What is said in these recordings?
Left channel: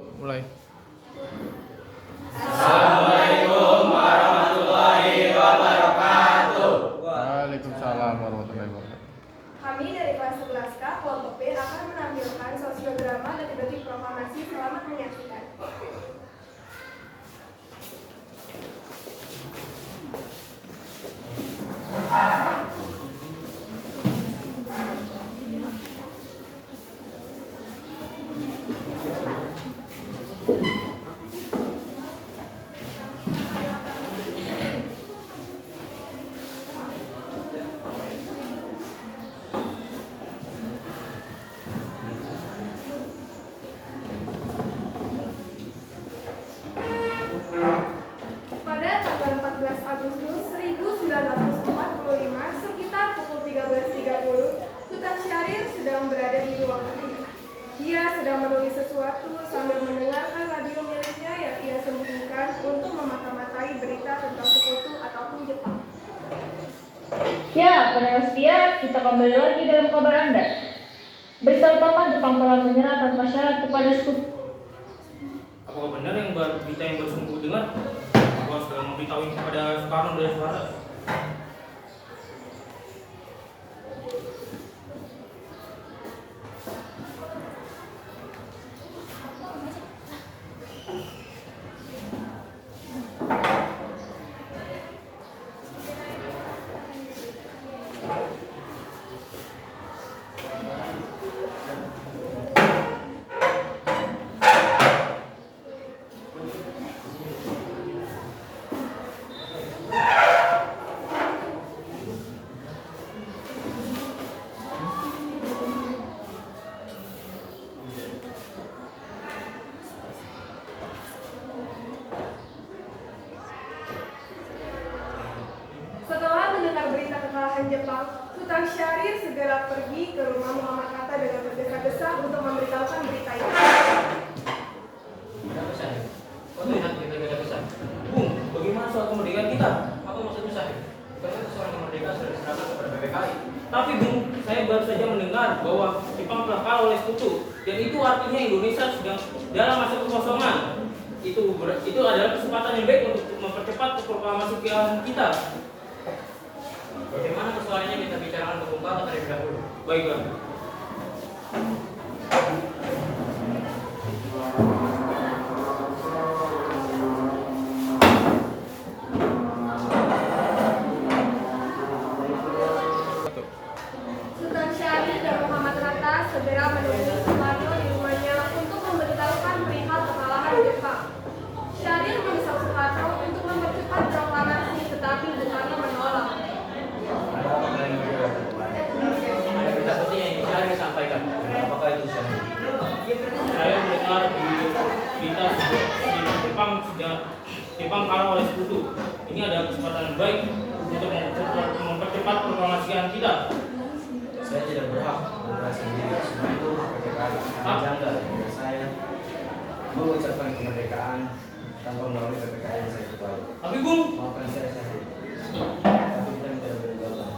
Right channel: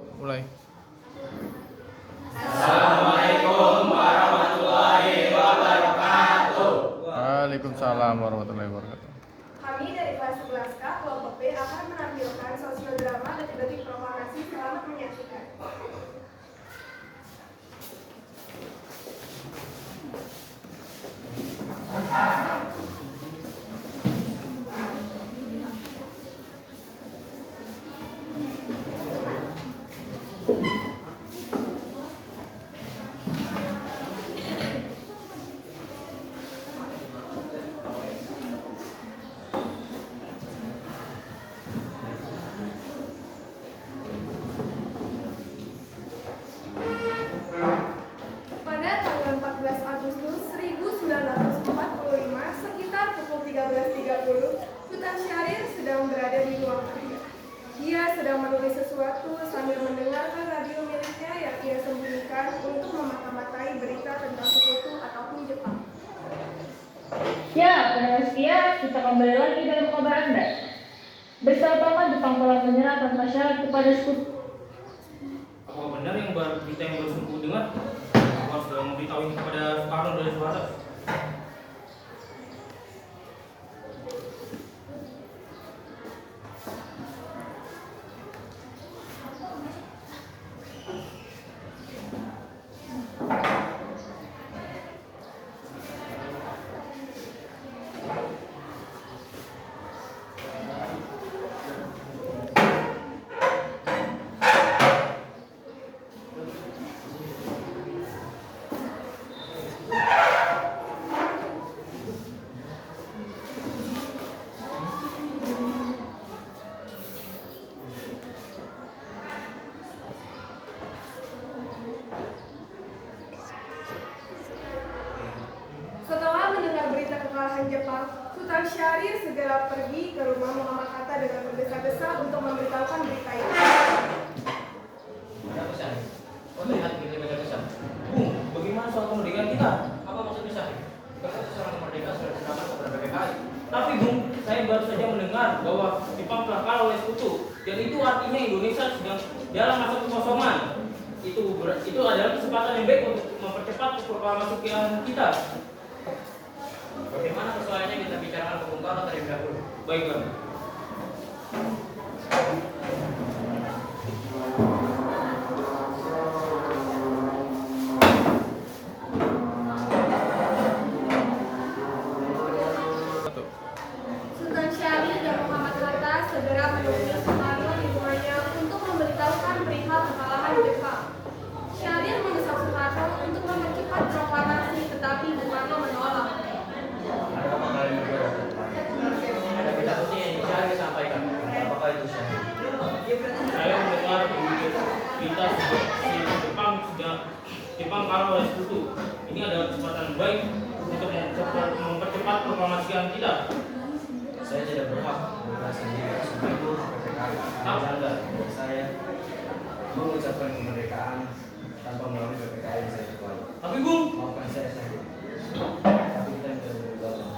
Mulai. Assalamualaikum warahmatullahi wabarakatuh. Waalaikumsalam warahmatullahi wabarakatuh. Kami dari kelas 11K kelompok B akan menampilkan sosiodrama detik-detik proklamasi. Selamat menyaksikan. Pada tanggal 14 Agustus 1945, sekitar pukul 13.30, Sultan Syahrir sedang berada di ruang kerja. Dia sedang menulis sesuatu sambil mendengarkan radio miliknya yang ia sembunyikan untuk memata-matai berita tentang sekutu ataupun Jepang. Ya, pendengar setia, kita kembali lagi dalam kabar Anda. Bersama Jepang telah menyerahkan masyarakat kepada sekutu. Apa benar yang berita yang baru saya dengar? Aku sudah memberitahu kepada Soekarno dan Soeharto. Setelah mendengar berita kekalahan Jepang, Sultan Syahrir segera pergi ke rumah Muhammad Hatta dengan tergesa-gesa untuk memberitahukan berita itu. Ada pesan. Kau lihat berita ada pesan. Bung, bagaimana soal kemerdekaan kita? Apa maksudnya Syahrir? Bukankah seorang kemerdekaan sudah diserahkan kepada PPKI? Tapi Bung, saya baru saja mendengar bahwa Jepang telah kalah oleh sekutu, dan itu artinya Indonesia sedang dalam masa kekosongan. Itu adalah kesempatan yang baik untuk mempercepat proklamasi kemerdekaan kita. Bagaimana persoalannya kita bicarakan ke Bung Karno terlebih dahulu. Baik, Bang. Sultan Syahrir dan Muhammad Hatta segera menemui Soekarno di rumahnya untuk memberitahukan perihal kekalahan Jepang. Syahrir mendesak Soekarno untuk mempercepat proklamasi, tetapi Soekarno menolak. Ada apa kalian berdua datang kemari? Ada berita penting yang ingin Syahrir sampaikan. Apakah itu Syahrir? Saya mendengar berita Jepang kalah oleh sekutu. Ini adalah kesempatan baik untuk mempercepat proklamasian kita. Saya tidak berhak bergerak sendiri. Semua itu kemerdekaan. Janggal jika saya mengucapkan kemerdekaan tanpa melalui PPKI yang saya ketuai. Tapi Bung, Maafkan saya Syahrir. Tapi kita tidak boleh bergabung.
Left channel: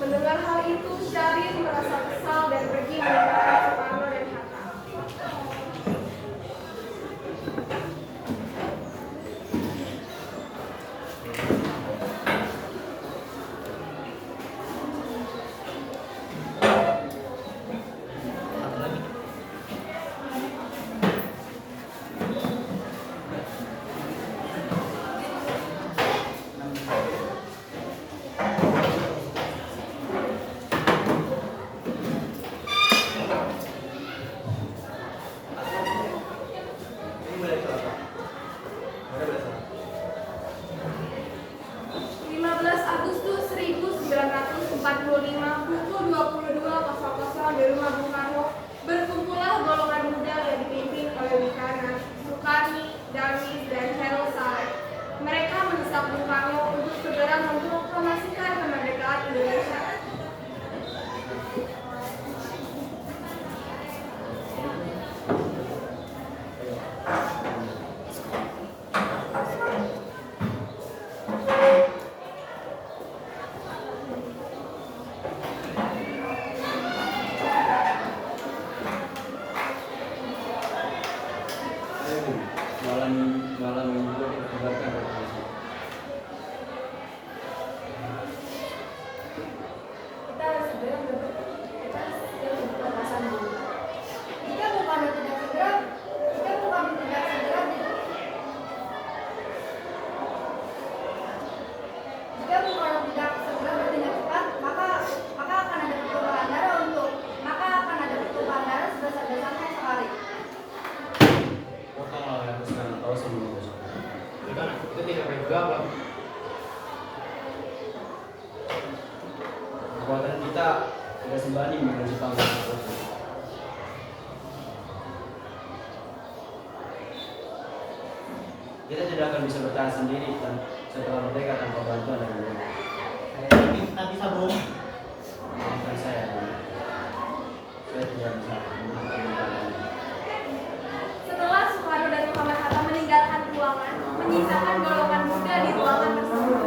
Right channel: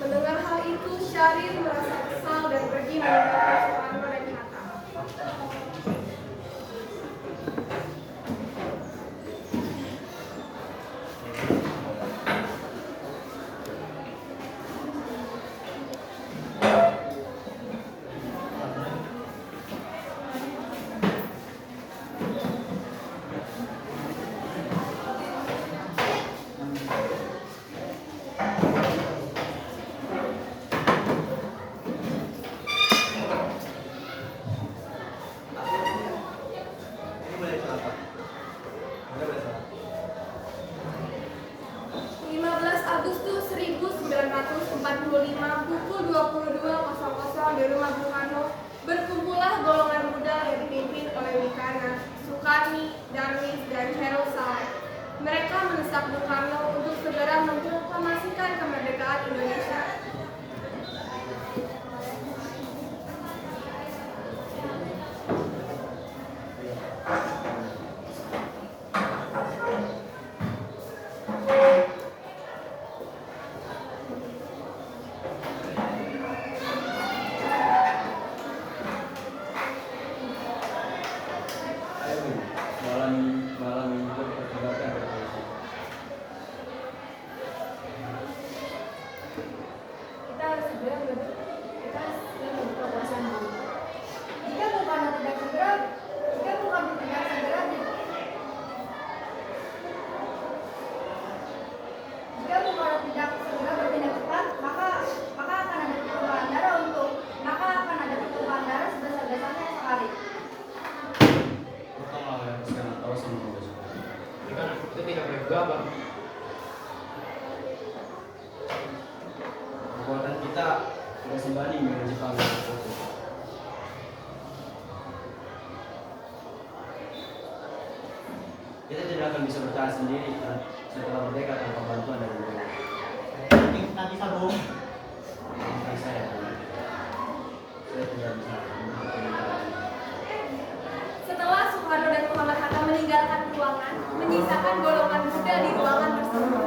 Mendengar hal itu, Syahrir merasa kesal dan pergi meninggalkan Soekarno dan Hatta. Ini boleh siapa? Boleh siapa? 15 Agustus 1945 pukul 22.00 di rumah Bung Karno, berkumpullah golongan muda yang dipimpin oleh Wikana, Sukarni, Darwis, dan Hairul Saleh. Mereka mendesak Bung Karno untuk segera memproklamasikan kemerdekaan Indonesia. Soekarno tidak segera, jika Bung Karno tidak segera, jika Bung Karno tidak segera bertindak cepat, maka akan ada pertumpahan darah sebesar-besarnya sekali. Kau malah aku sekarang tahu sama besok. Kita tidak boleh gegabah. Perbuatan kita tidak sebanding dengan Jepang dan Jepang. Kita tidak akan bisa bertahan sendiri setelah merdeka tanpa bantuan dari mereka. Kita bisa, Bung. Maafkan saya, Bung. Saya tidak bisa meminta. Setelah Soekarno dan Muhammad Hatta meninggalkan ruangan, menyisakan golongan muda di ruangan tersebut.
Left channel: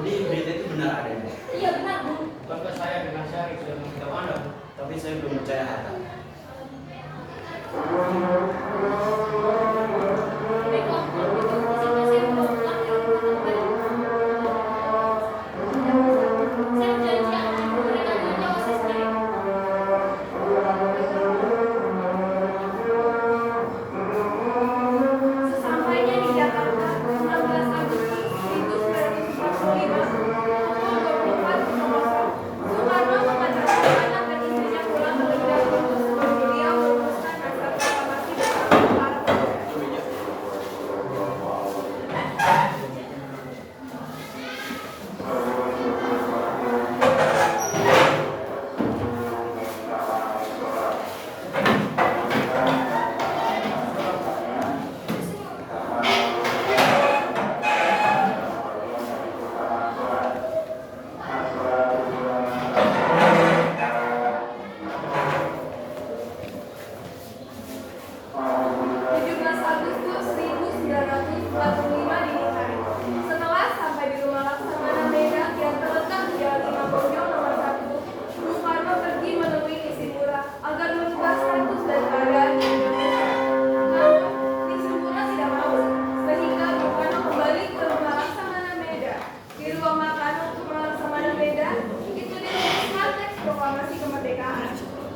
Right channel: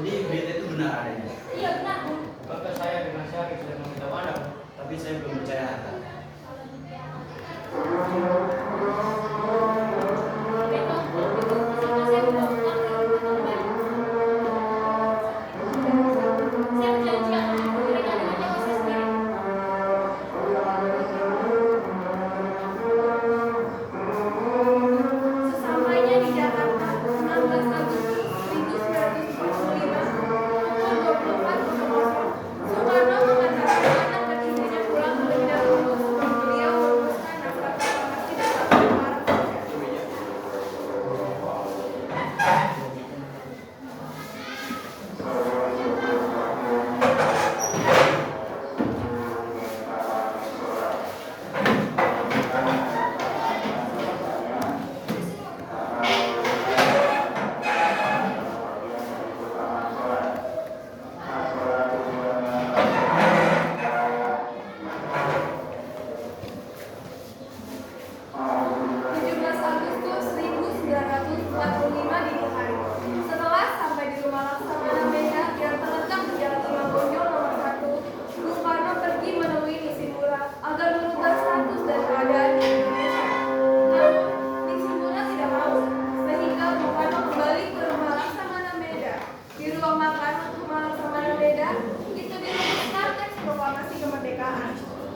Jadi berita itu benar adanya. Iya benar, Bung. Bukankah saya dengan Syarif sudah memberitahu Anda, Bu? Tapi saya belum percaya Hatta. Baiklah, kalau begitu izinkan saya membawa pulang dan kembali. Saya berjanji akan memberikan dengan nyawa saya sendiri. Sesampainya di Jakarta, 19 Agustus 1945, pukul 24.00, Soekarno mengantarkan anak dan istrinya pulang terlebih dahulu sebelum beliau merumuskan naskah proklamasi bersama para pemuda. Agustus 1945 dini hari. Setelah sampai di rumah Laksamana Medan yang terletak di Jalan Imam Bonjol nomor 1, Bung Karno pergi menemui Nisinura agar merubah status dan keadaan di Indonesia. Namun, Nisinura tidak mau, sehingga Bung Karno kembali ke rumah Laksamana Medan. Di ruang makan untuk Laksamana Medan, itu dirumuskan teks proklamasi kemerdekaan.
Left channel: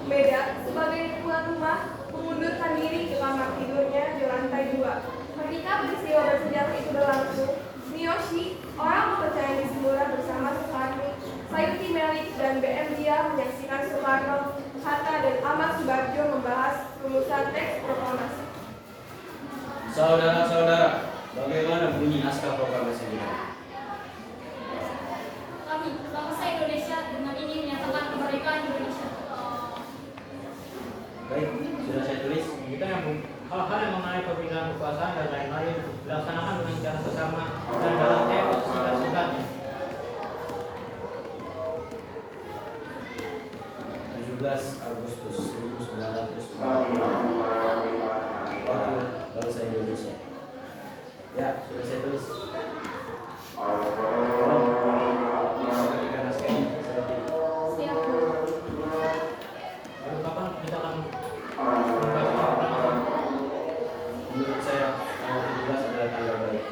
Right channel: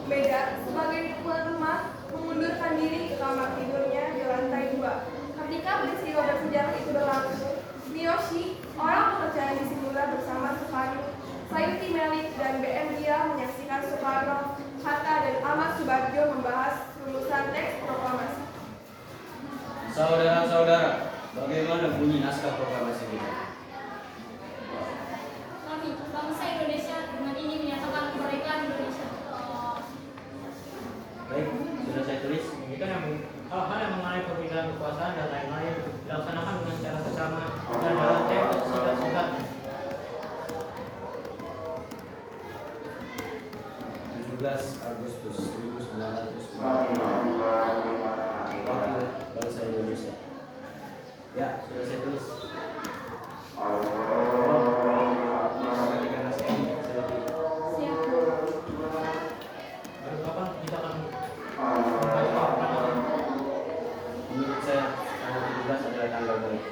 Medan sebagai tuan rumah mengundurkan diri ke kamar tidurnya di lantai 2. Ketika peristiwa bersejarah itu berlangsung, Miyoshi, orang kepercayaan Nisinura bersama Soekarno, Sayuti Melik, dan BM Dia menyaksikan Soekarno, Hatta, dan Ahmad Subarjo membahas rumusan teks proklamasi. Saudara-saudara, bagaimana bunyi naskah proklamasi ini? Kami, bangsa Indonesia, dengan ini menyatakan kemerdekaan Indonesia. Baik, sudah saya tulis. Kita yang hal-hal yang mengenai perbedaan kekuasaan dan lain-lain dilaksanakan dengan cara sesama dan dalam tempo singkat-singkatnya. 17 Agustus 1945, Wakil Bangsa Indonesia. Ya, sudah saya tulis. Ketika naskah ini saya tulis. Siap, Bu. Lalu kapan kita akan membaca proklamasi? Menurut saya tanggal 17 adalah tanggal baik.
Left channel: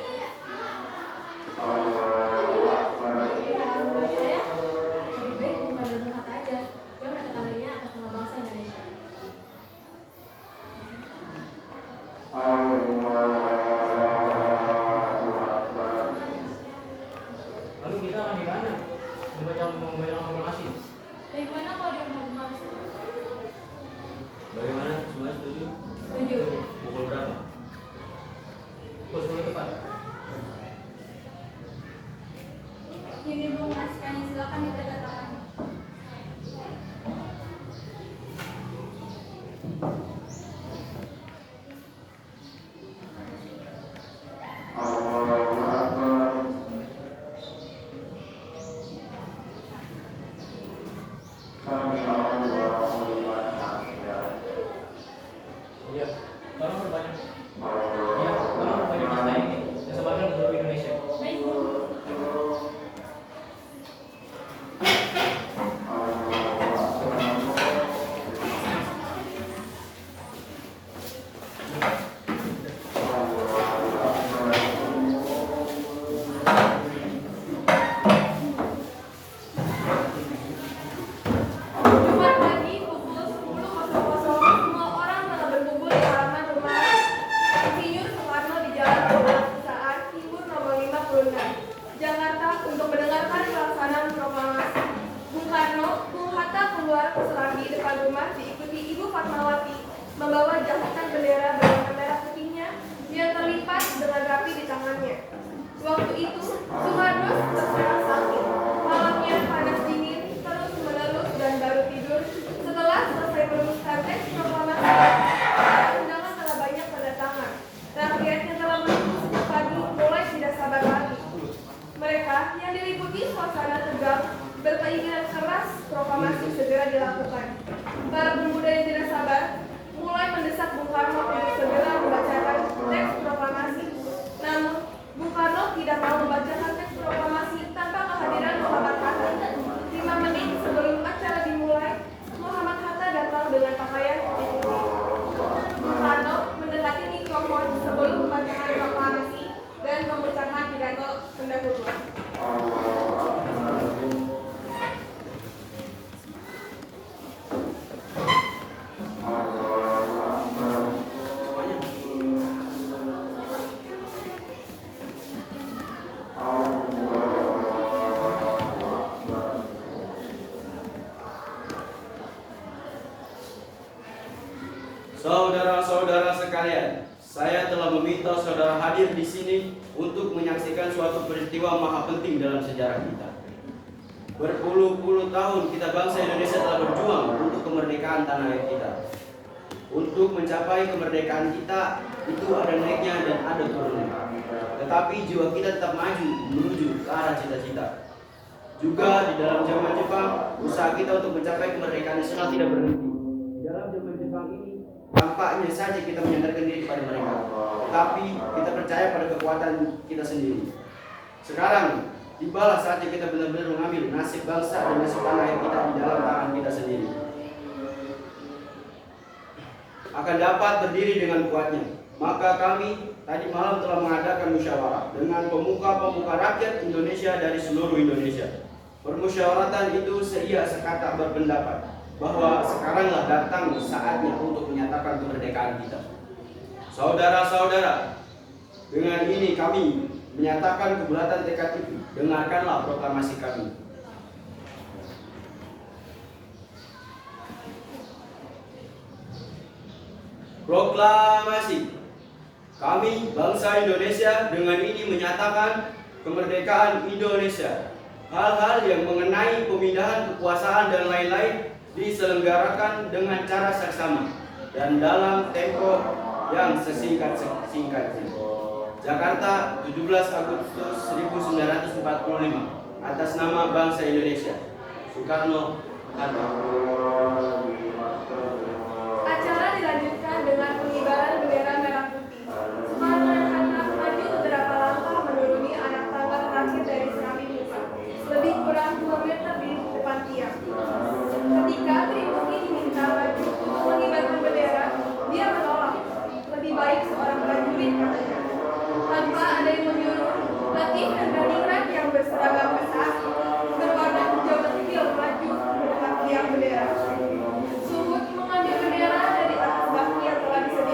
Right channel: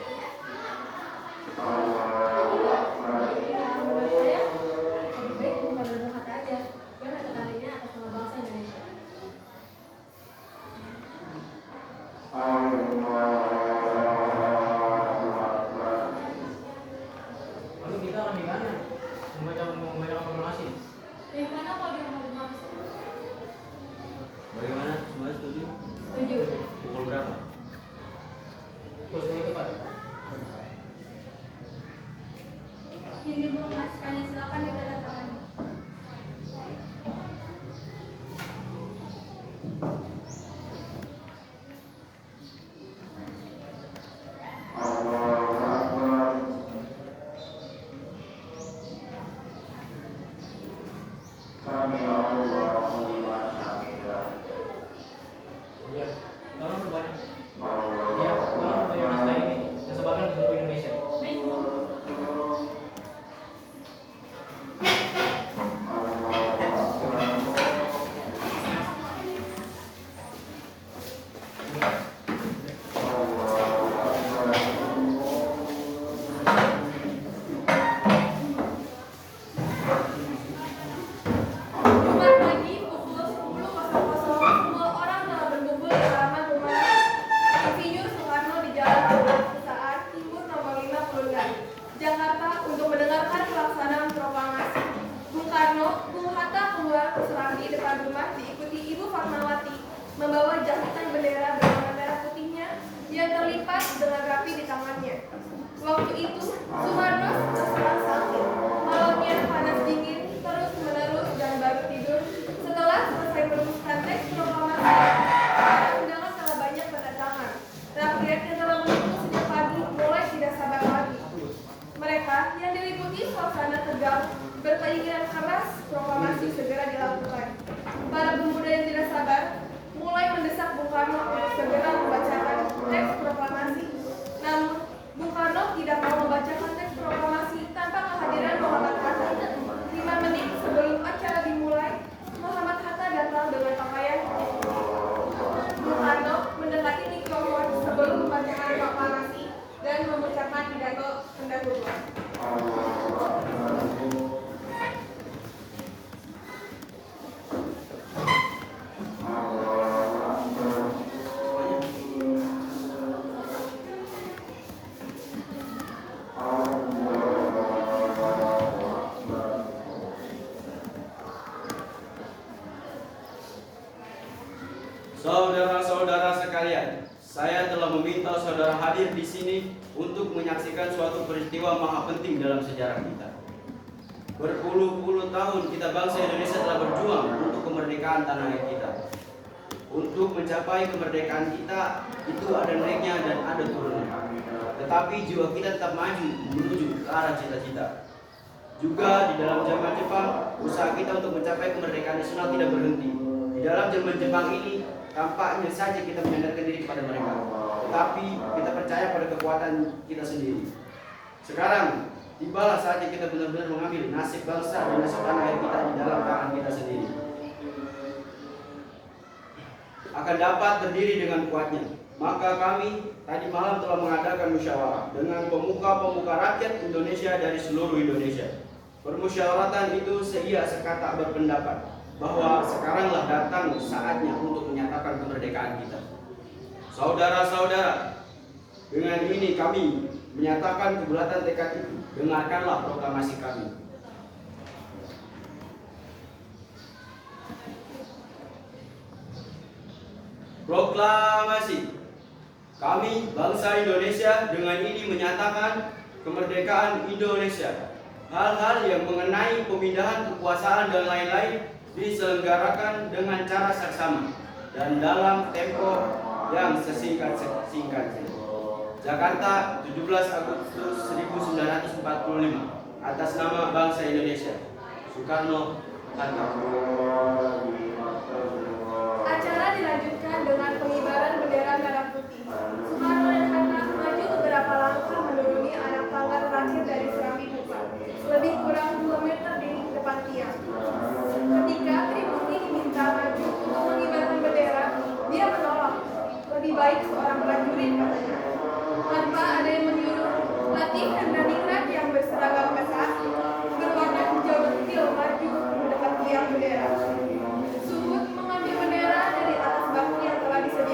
Menurut saya, lebih baik bukan berdebat aja. Jangan tekanannya atas nama bangsa Indonesia. Lalu kita akan di mana? Membaca proklamasi. Dari mana kalau dia mau bangsa? Bagaimana? Semua setuju? Setuju. Pukul berapa? Pukul 10 tepat. Ini belum ngasihkan, silakan ditandatangani. Iya, tolong perbanyak. Iya, tolong perbanyak naskah ini dan sebagian ke seluruh Indonesia. Baik, Jumat pagi pukul 10.00, semua orang telah berkumpul di halaman rumah Insinyur Soekarno di Jalan Perusahaan Timur nomor 56, Jakarta untuk mendengarkan pelaksanaan proklamasi. Bung Karno, Bung Hatta keluar serambi depan rumah diikuti Ibu Fatmawati membawa jahitan bendera berwarna merah putihnya yang terlipat dengan rapi di tangannya. Waktu itu, Soekarno terserang sakit. Malamnya panas dingin, terus menerus dan baru tidur. Setelah selesai merumuskan teks proklamasi, undangan telah banyak berdatangan. Rakyat yang telah menunggu sejak pagi mulai tidak sabar lagi. Mereka yang diliputi suasana tegang berkeinginan keras proklamasi segera dilakukan. Para pemuda yang tidak sabar mulai mendesak Bung Karno untuk segera membacakan teks proklamasi. Namun, Bung Karno tidak mau membacakan teks proklamasi tanpa sekalian, saya telah meminta saudara hadir di sini untuk menyaksikan suatu peristiwa maha penting dalam sejarah kita. Berpuluh-puluh tahun kita bangsa Indonesia telah berjuang untuk kemerdekaan tanah air kita. Untuk mencapai kemerdekaan kita itu ada naiknya dan ada turunnya. Tetapi jiwa kita tetap maju menuju ke arah cita-cita. Juga di dalam zaman Jepang, usaha kita untuk mencapai kemerdekaan nasional tidak berhenti. Di dalam zaman Jepang ini, tampaknya saja kita menyandarkan diri kepada mereka. Tetapi kita percaya pada kekuatan kita sendiri. Sekarang, tibalah saatnya kita benar-benar mengambil nasib bangsa dan nasib tanah air kita di dalam tangan kita sendiri. Akan dapat berdiri dengan kuatnya. Maka kami tadi malam telah mengadakan musyawarah dengan pemuka-pemuka rakyat Indonesia dari seluruh Indonesia. Permusyawaratan itu seia sekata berpendapat bahwa sekaranglah datang saatnya untuk menyatakan kemerdekaan kita. Saudara-saudara, dengan ini kami menyatakan kebulatan tekad itu. Dengarkanlah proklamasi kami. Proklamasi. Kami, bangsa Indonesia, dengan ini menyatakan kemerdekaan Indonesia. Hal-hal yang mengenai pemindahan kekuasaan dan lain-lain diselenggarakan dengan cara saksama dan dalam tempo yang sesingkat-singkatnya. Jakarta, 17 Agustus 1945. Atas nama bangsa Indonesia. Soekarno, Hatta. Acara dilanjutkan dengan pengibaran bendera merah putih. Soekarno dan Hatta maju beberapa langkah menuruni anak tangga terakhir dari Serambi Muka, lebih kurang 2 meter di depan tiang. Ketika Tribungi diminta maju untuk mengibarkan bendera, dia menolak. Lebih baik seorang prajurit, katanya. Tanpa ada yang menyuruh, Latif dan Daningrat yang berseragam ketat berwarna hijau kecil maju mendekat tiang bendera. Sumut mengambil bendera dari atas baki yang telah disediakan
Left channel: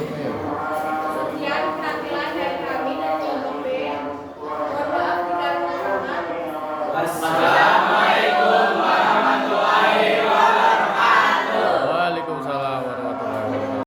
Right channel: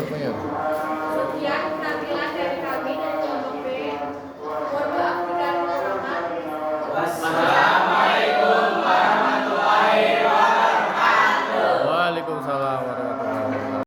tutup nih.